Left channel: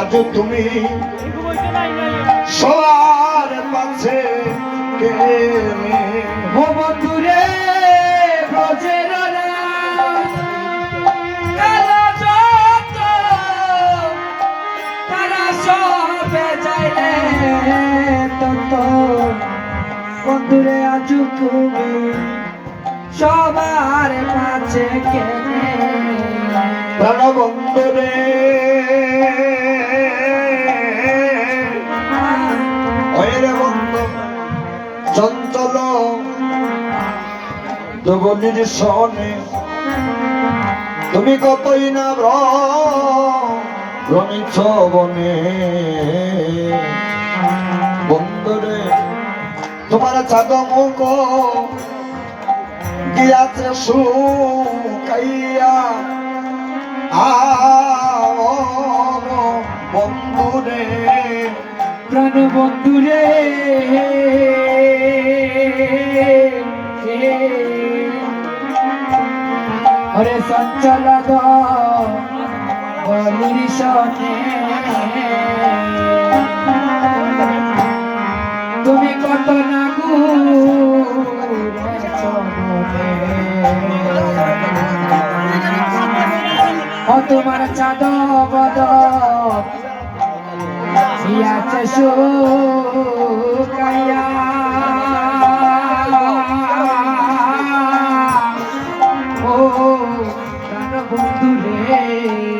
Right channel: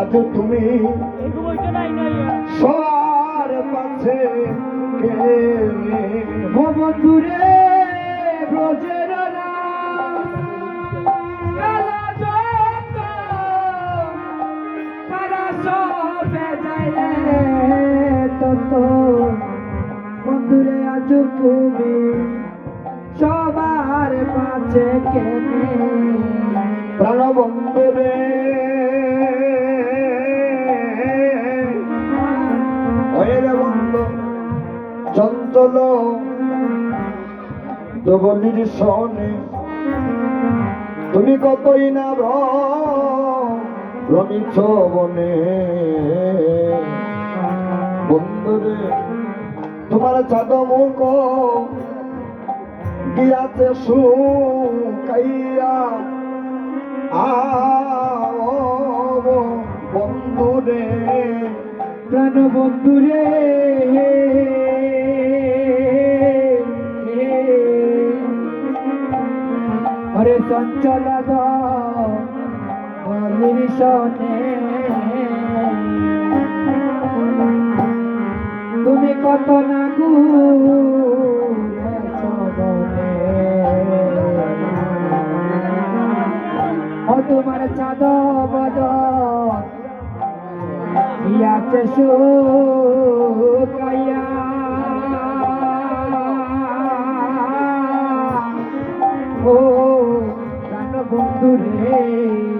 আজ তুমি সবার ও বন্ধুরে ব্রজের তারা সবে যাইলে তত। বন্ধুরে আজ তুমি সবার কাছে কেনে প্রাণবন্ধু দবলির সনে। তুমি কতই না ভ্রমিছ বনে। বন্ধুরে তোমার চাঁদ মুখ গিয়াছে শুকাইয়া। বন্ধুরে প্রাণ বন্ধুরে। হরে সঞ্চলা গরির সনে। তুমি কত না ও তোমার চাঁদ বদ Siate sukaya Oh, প্রাণ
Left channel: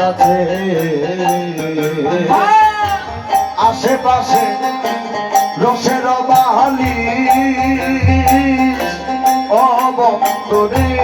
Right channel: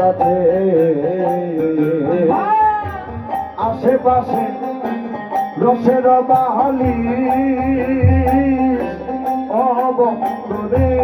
আছে আশেপাশে রসের বাহালি অবন্দরে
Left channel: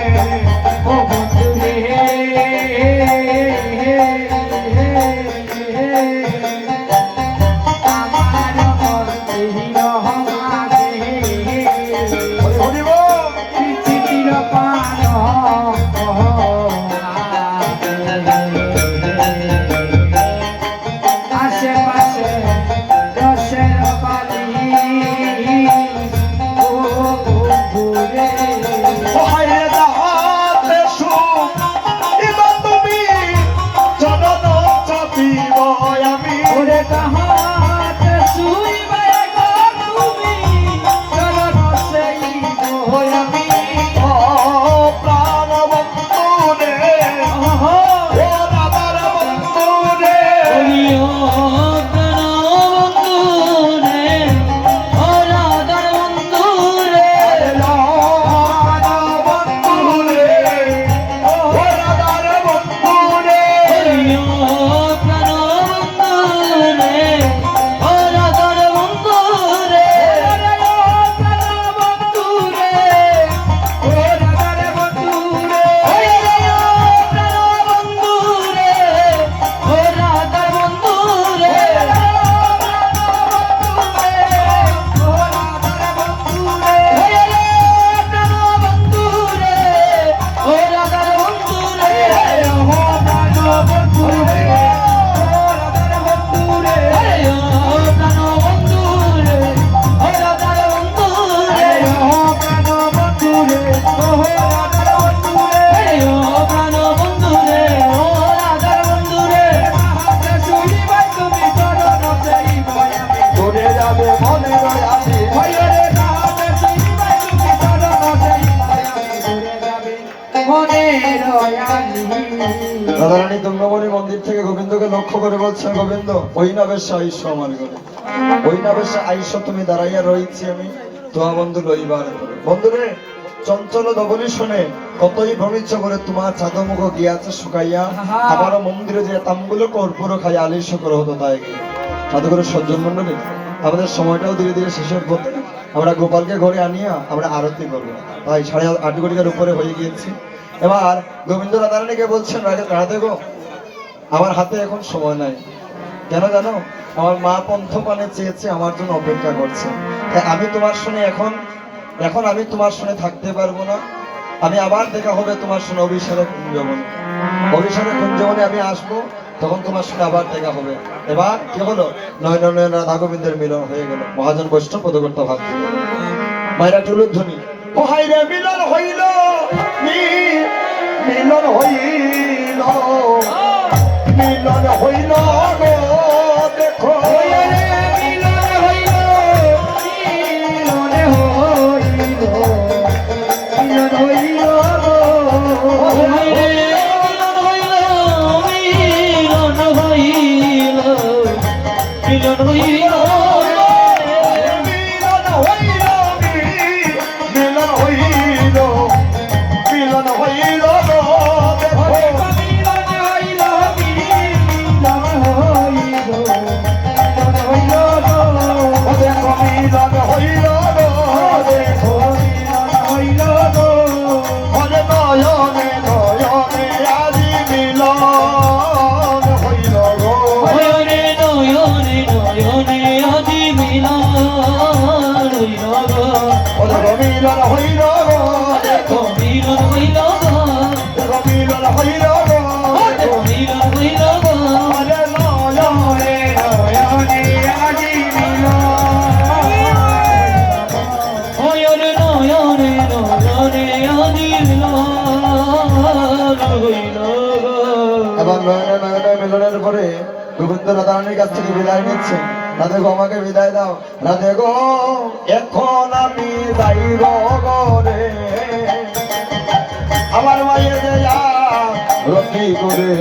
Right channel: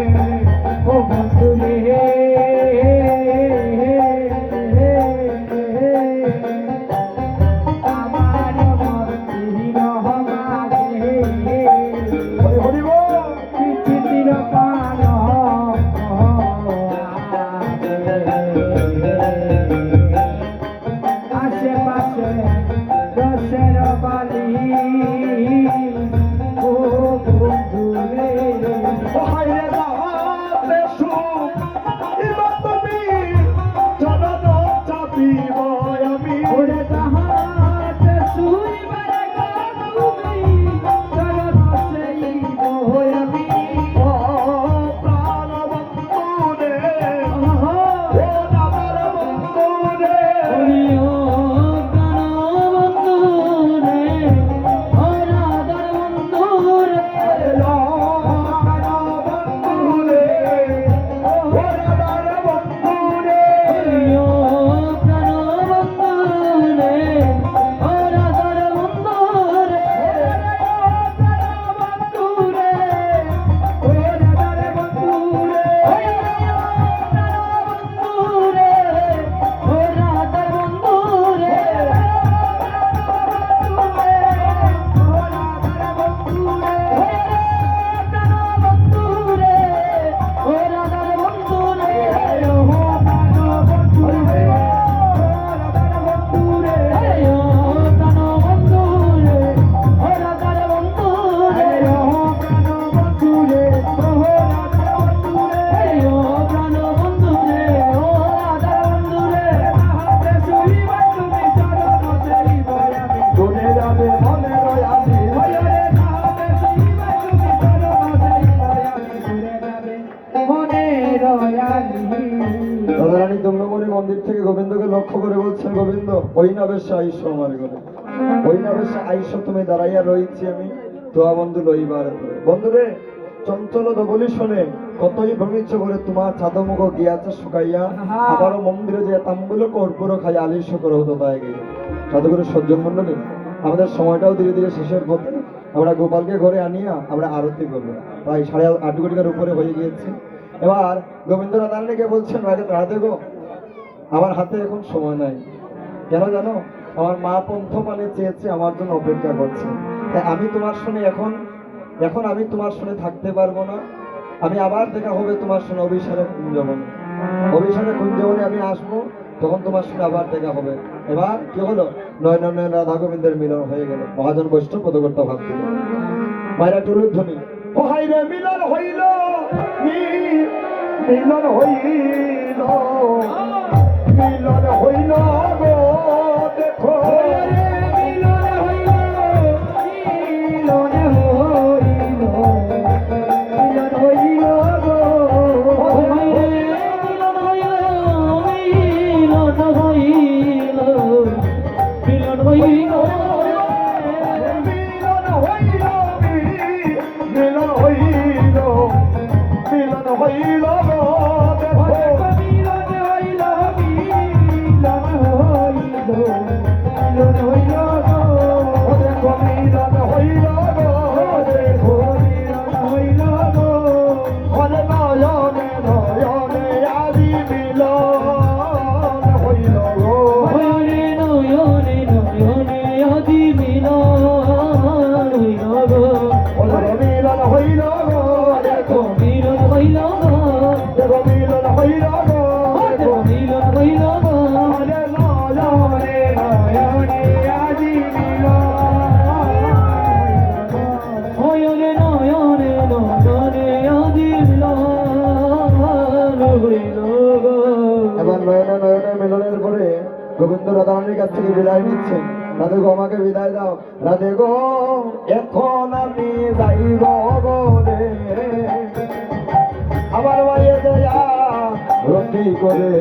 লক্ষ্য করে বলছে গোবিন্দ, ওই নাবেশ আইস আমার ঘরে। ওই নাবেশ আইস, তুমি দাঁড়াইয়া রয়েছি আমি। তোমা বন্ধু লইবার ধরে। বন্ধুরে, চঞ্চল দবলি শুনে কতই ভ্রমিচ্ছ করে তোমার চাঁদমুখ গিয়াছে শুকাইয়া। আবারও মন্দিরে যে তাম্বুলো কর্পূর খাই আলিশ করে হতো তাই গিয়ে সাধু করে সজ্জন মন্ডলী আমাদের সময়টাও ধীরে ধীরে শেষের পথে আমরা গোপালকে ঘরে আনিয়া আমরা আরতি করব। তাই সাড়ে আট কোটিকার উপরে হয়ে গিয়েছি। এবার গোবিন্দ রাধারানীকে বলছেন রাধে গো আমার হাতে এখন সময় নাই। কেন জানো? আমার মা পন্থ পানে চেয়েছে আমার জন্য অপেক্ষা করছে। তাই আমি তোমার শুনে এখন এখন আমি তোমার শুনে থাকতে পারব না। আমি আবার দেখা হবে তোমার শুনে অভিসারে কুঞ্জবনে। অভিসারে কুঞ্জবনে আমি আসব, তখন তোমার শুনে আবার দেখা হবে। এবার কি হলো? নয়ন নয়ন রাধা গোবিন্দের মিলন হয়ে গেল। মহাজন বৈষ্ণব পদকর্তা ভাব দিল। মায়েরা টুলুর ধ্বনি। হাই রে মিলন হইল মিলন হইল। মিলন গোবিন্দ রাধারানীর কাছ থেকে বিদায় নিচ্ছে রাধে গো, আমাকে বিদায় দাও। রাধে গো, এখন আমি যাইব গরে আমার মাইয়ে দেয়া রকি করে।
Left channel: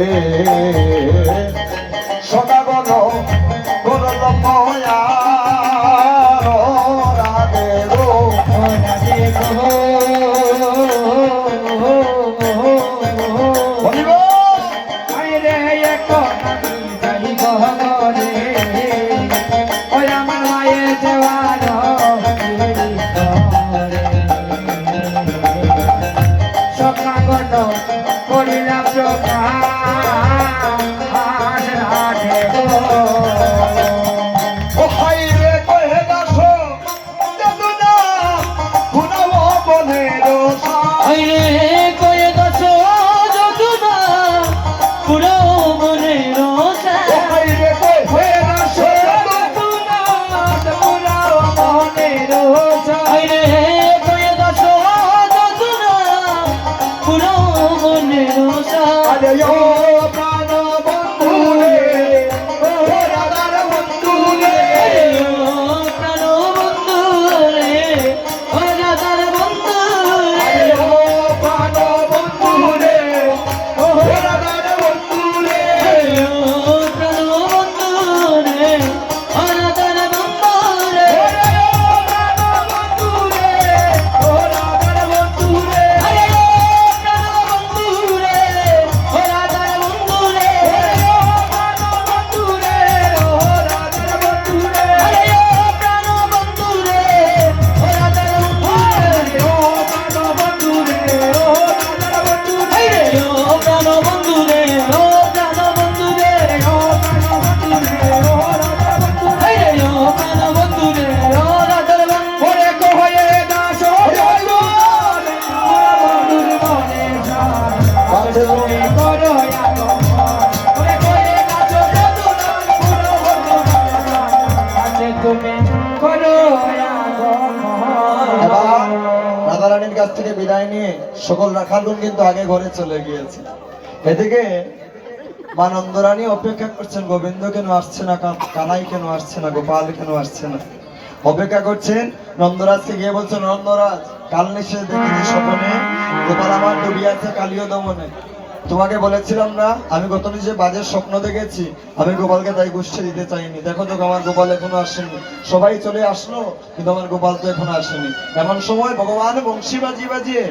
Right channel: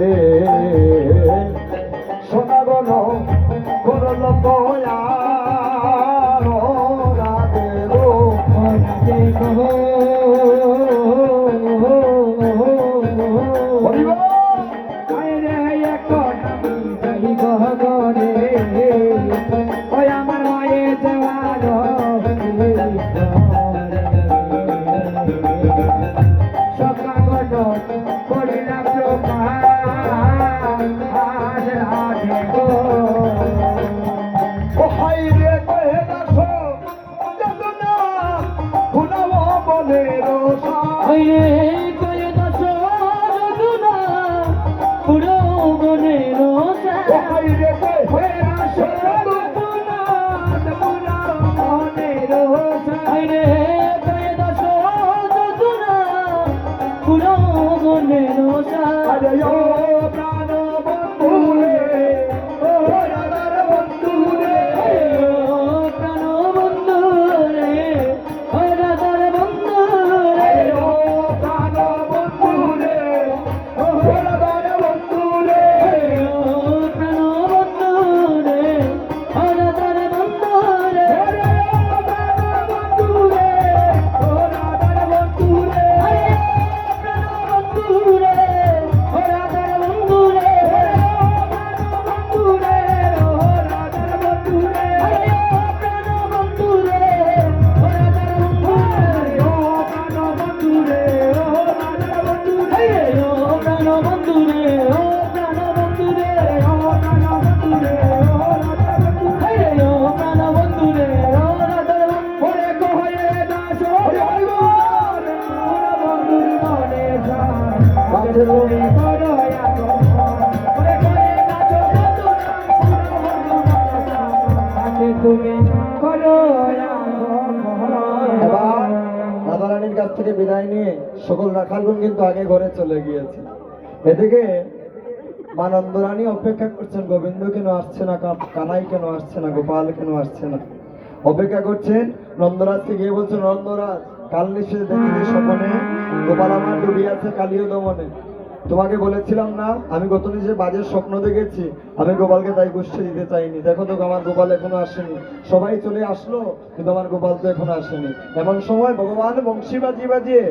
রাধারানীর কাছ থেকে বিদায় নিয়ে সকল রাখালগুন কিন্তু আগে ঘরে চলে গিয়েছে। এদিকে মানন্দরানী অপেক্ষা করছেন, গোবিন্দ কেন আসছে না কানাই কেন আসছে না, গোপাল কেন আসছে না? অপেক্ষা করছেন নন্দরাজকে, গিয়ে বলছেন নন্দরাজ, কাল নিশ্চয় দেখেছি স্বপনে। গোপাল আমার ডুবিয়াছে কালীয় দমনে। তোমাকে বলেছিলাম না আমি গত নিজে বাজের স্বপ্ন দেখেছি আমি গোপালকে তাই গুষ্ঠে দিতে চাইনি। দেখো তো আমার গোপাল এখনও আসেনি। সবাই চলে আসলো কিন্তু আমার গোপাল তো এখনও আসেনি। এমন সময় ভগবান বংশী বাজিয়ে বাজিয়ে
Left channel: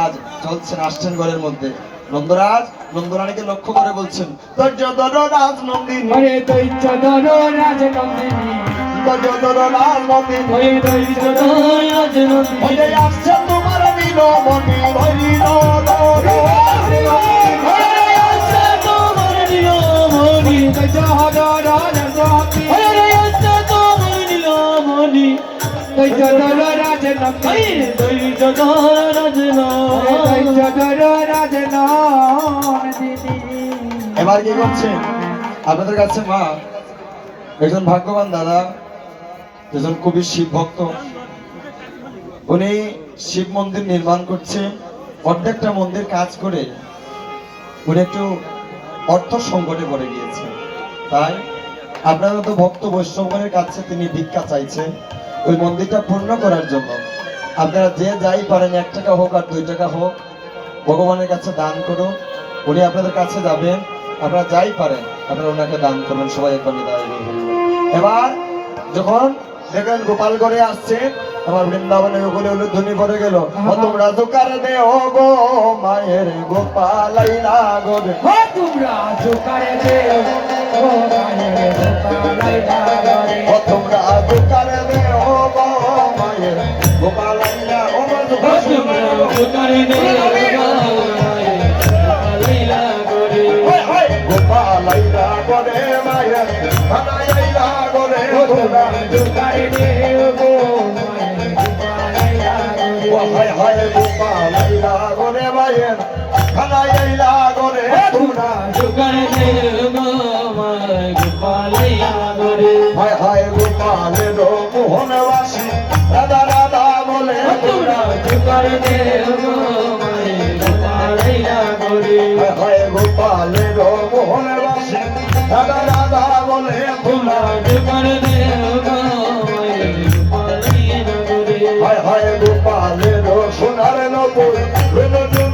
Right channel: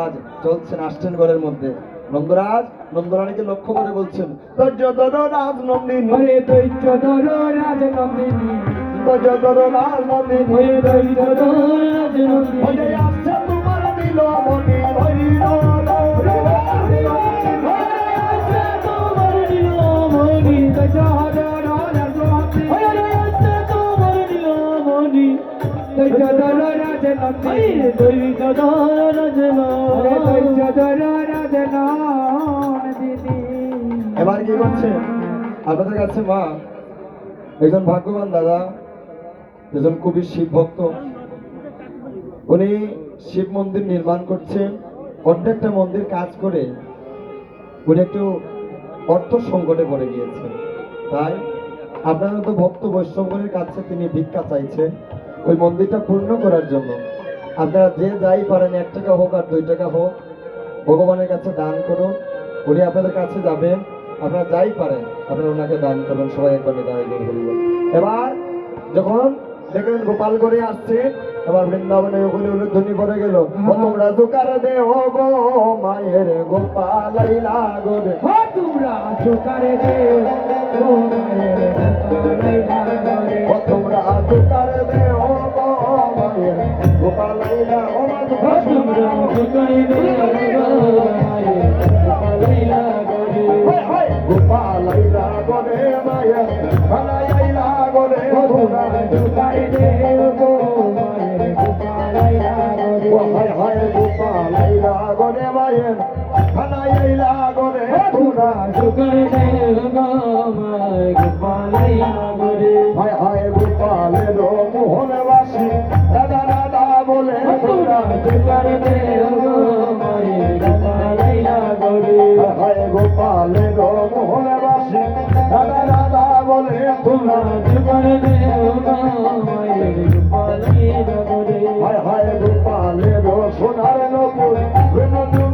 আজ চলছেন আসছেন ঘরের মধ্যে। নন্দরাজ নন্দরানীকে লক্ষ্য করে বলছেন ধৈর্য ধরো রাজ নন্দিনী। ধৈর্য ধরো রাজ নন্দিনী। ওরে দৈত্য ধর রাজনন্দিনী ওরে আসছে তোমার হরিণ এবার কি করছেন? আপনাদের কাছে মা, একজন ভাগ্যবান দাদা কবি শিব ভক্ত। উনি শিব মন্দির নির্মাণ করছে, অর্ধেকটা মন্দির কাজ করে উনি একটু অর্থ সংকটে পড়ে গিয়েছে। তাই আপনার মতো ভক্ত বৈষ্ণবগণের কাছে তিনি ভিক্ষা চাইছেন, ওই মন্দিরটা পূর্ণ করার জন্য। আপনারা যে যাই পারেন এক টাকা হোক আর দুই টাকা হোক ভগবানের কাছে দান করুন। উনি আপনাদের কাছে যাবেন আপনারা যাই পারেন আপনারা ওনাকে দান করবেন সবাই একবার নিদায় বলবেন এবার যখন দেখলেন গোপালগড়ে আসছে আমার বৃন্দাবনে ওগুলি ধ্বনি পড়ে গেল। তোমরা দোকার দে ও গো মায়ের ও তোমরা ও মায়ের রে তোমরা দে। ও গোপালাইলা সোনার নপুর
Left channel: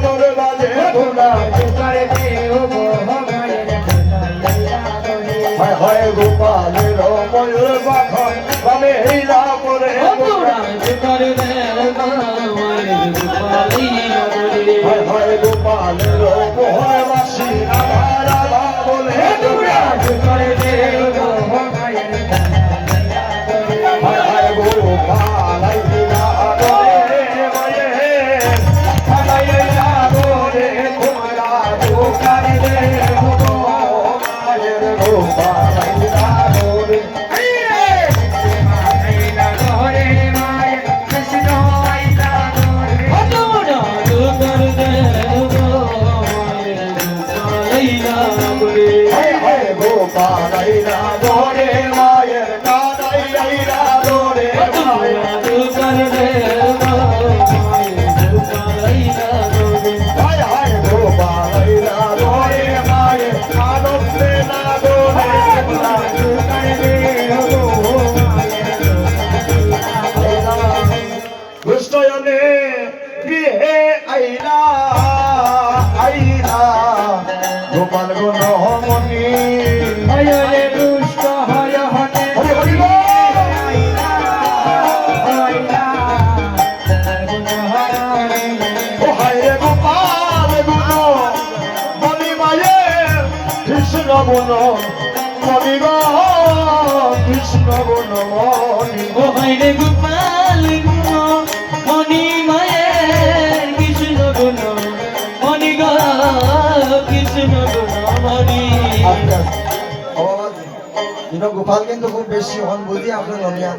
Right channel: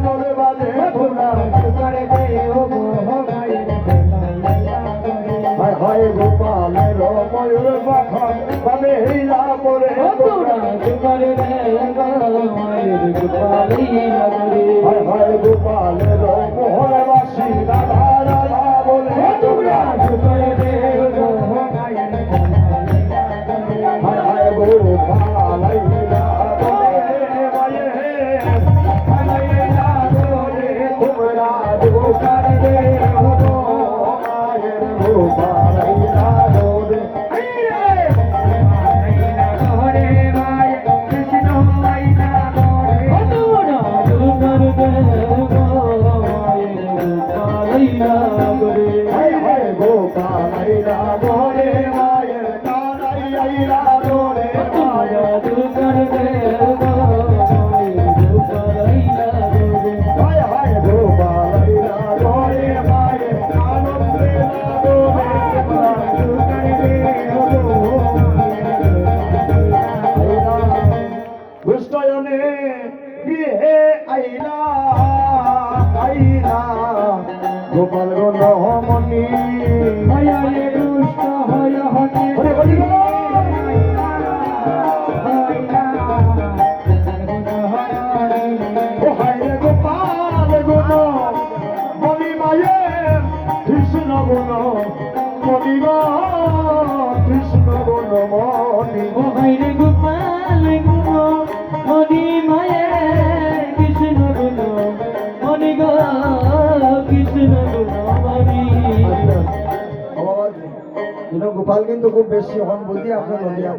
কিন্তু খুব বেশি হন বুঝি আপনার ননিয়া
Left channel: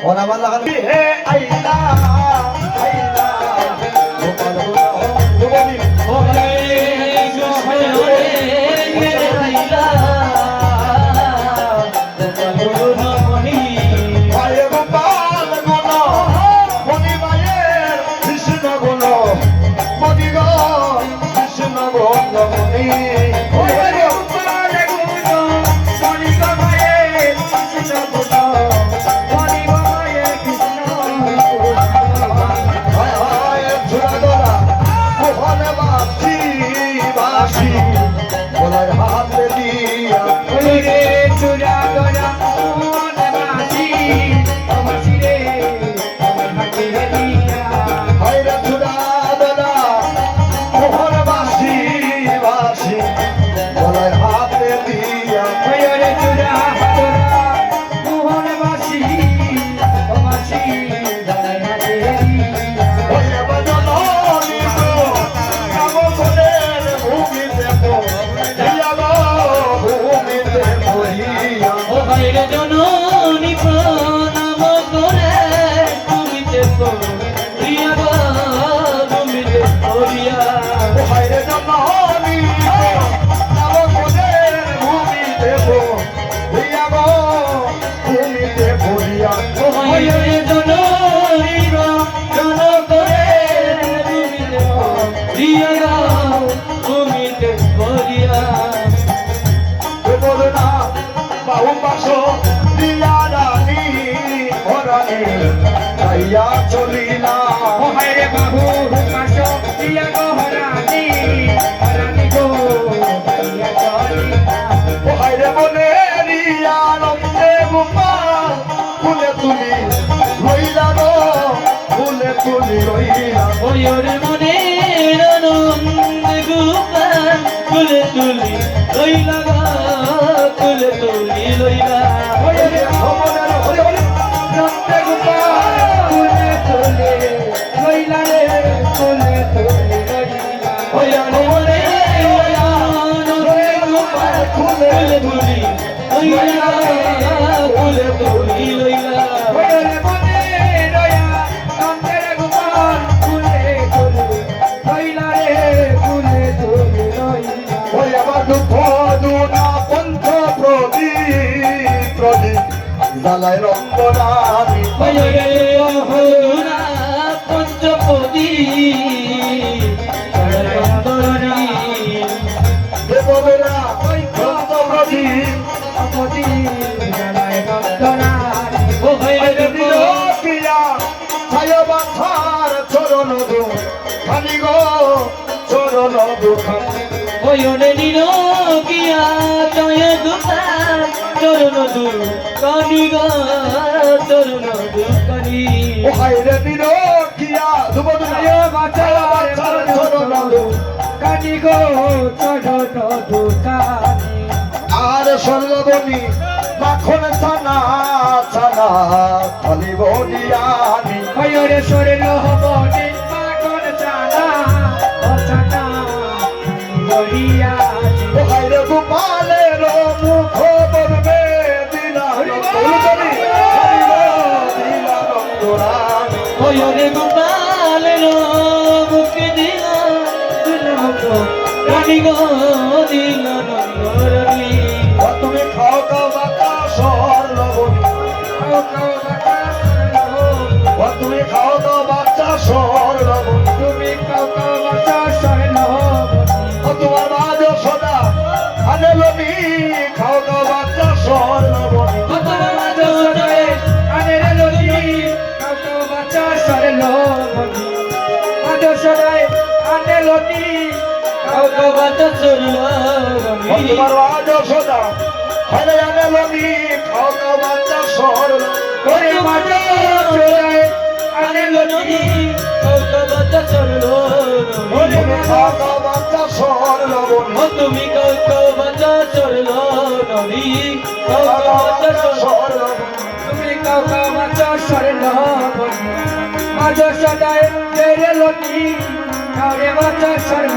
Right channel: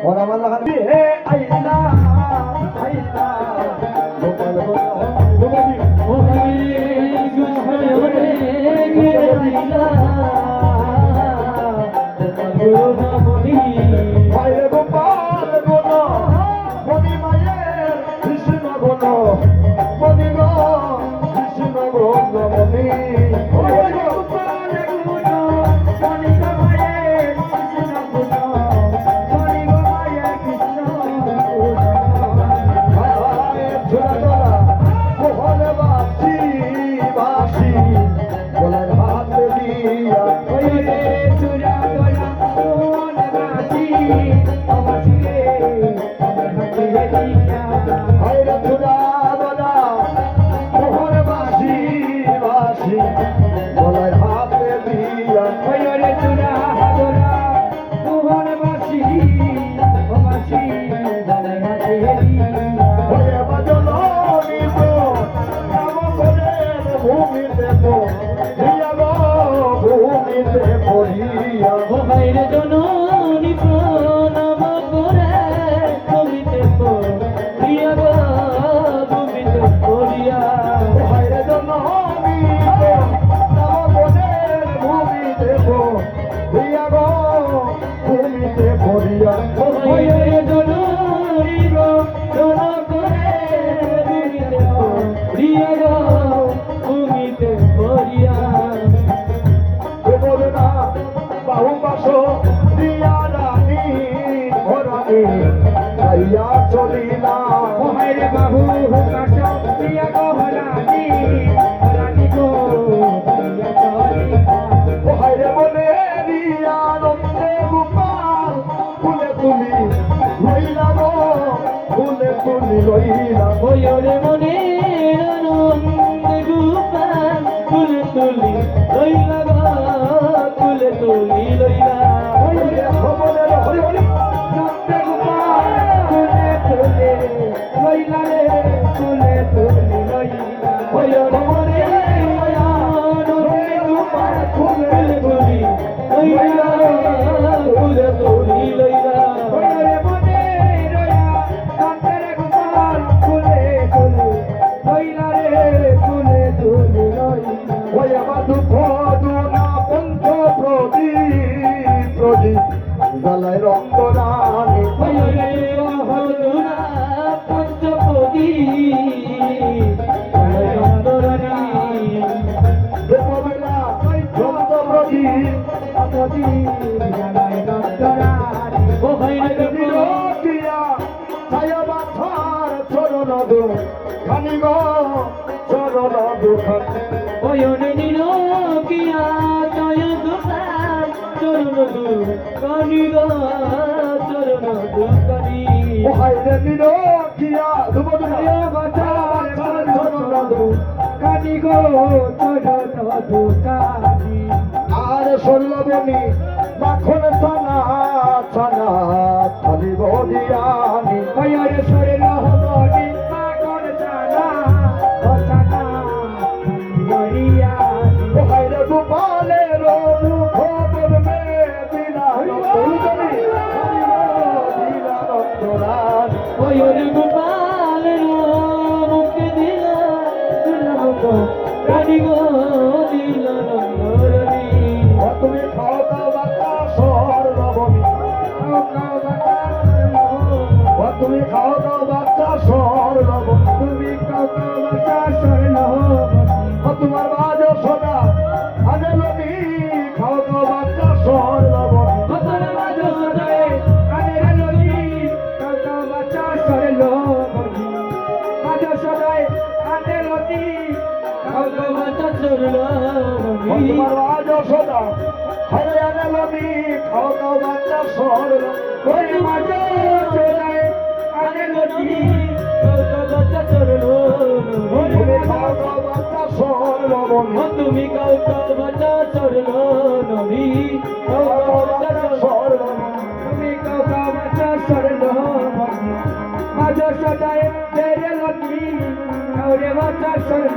হন আমার লাগানো আইলা আইলা Gopal Gopal Lord, in the heart.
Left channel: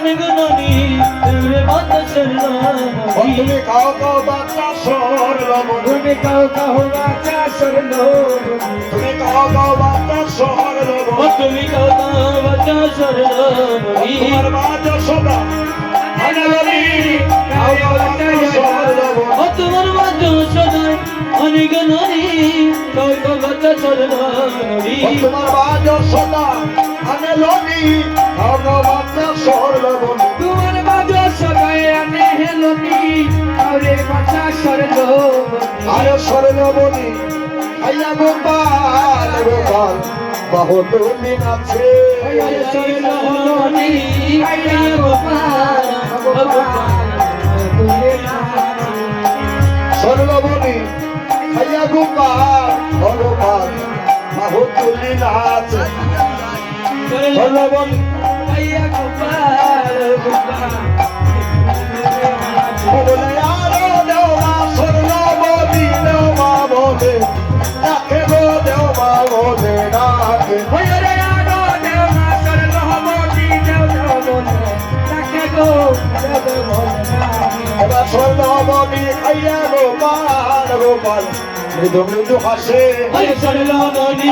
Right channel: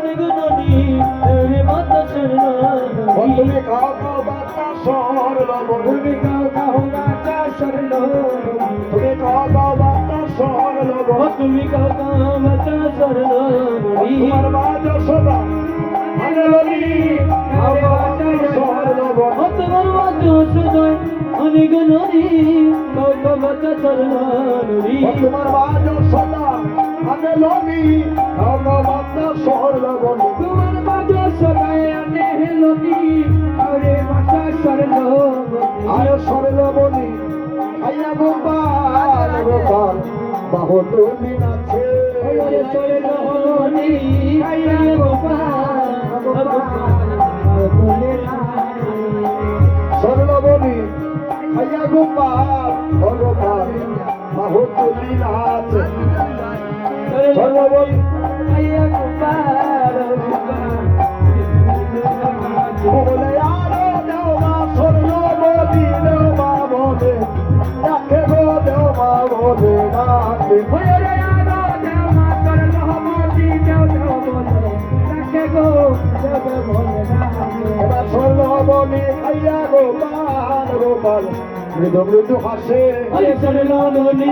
গুণনি তোরে মত চললাম বন্ধুকে কাও কাও বাচ্চা সর লবণ তুমি কাও কাও বাচ্চা সর লবণ তুমি কাও কাও বাচ্চা সর তুমি কাও কাও বাচ্চা সর তোমার বাচ্চা গোপাল গোপাল বহুত দিন আছে সর্বণী খাইয়া গোপাল গোপাল বহুত দিন আছে দুম দুম হাসে। ওই চলল ননি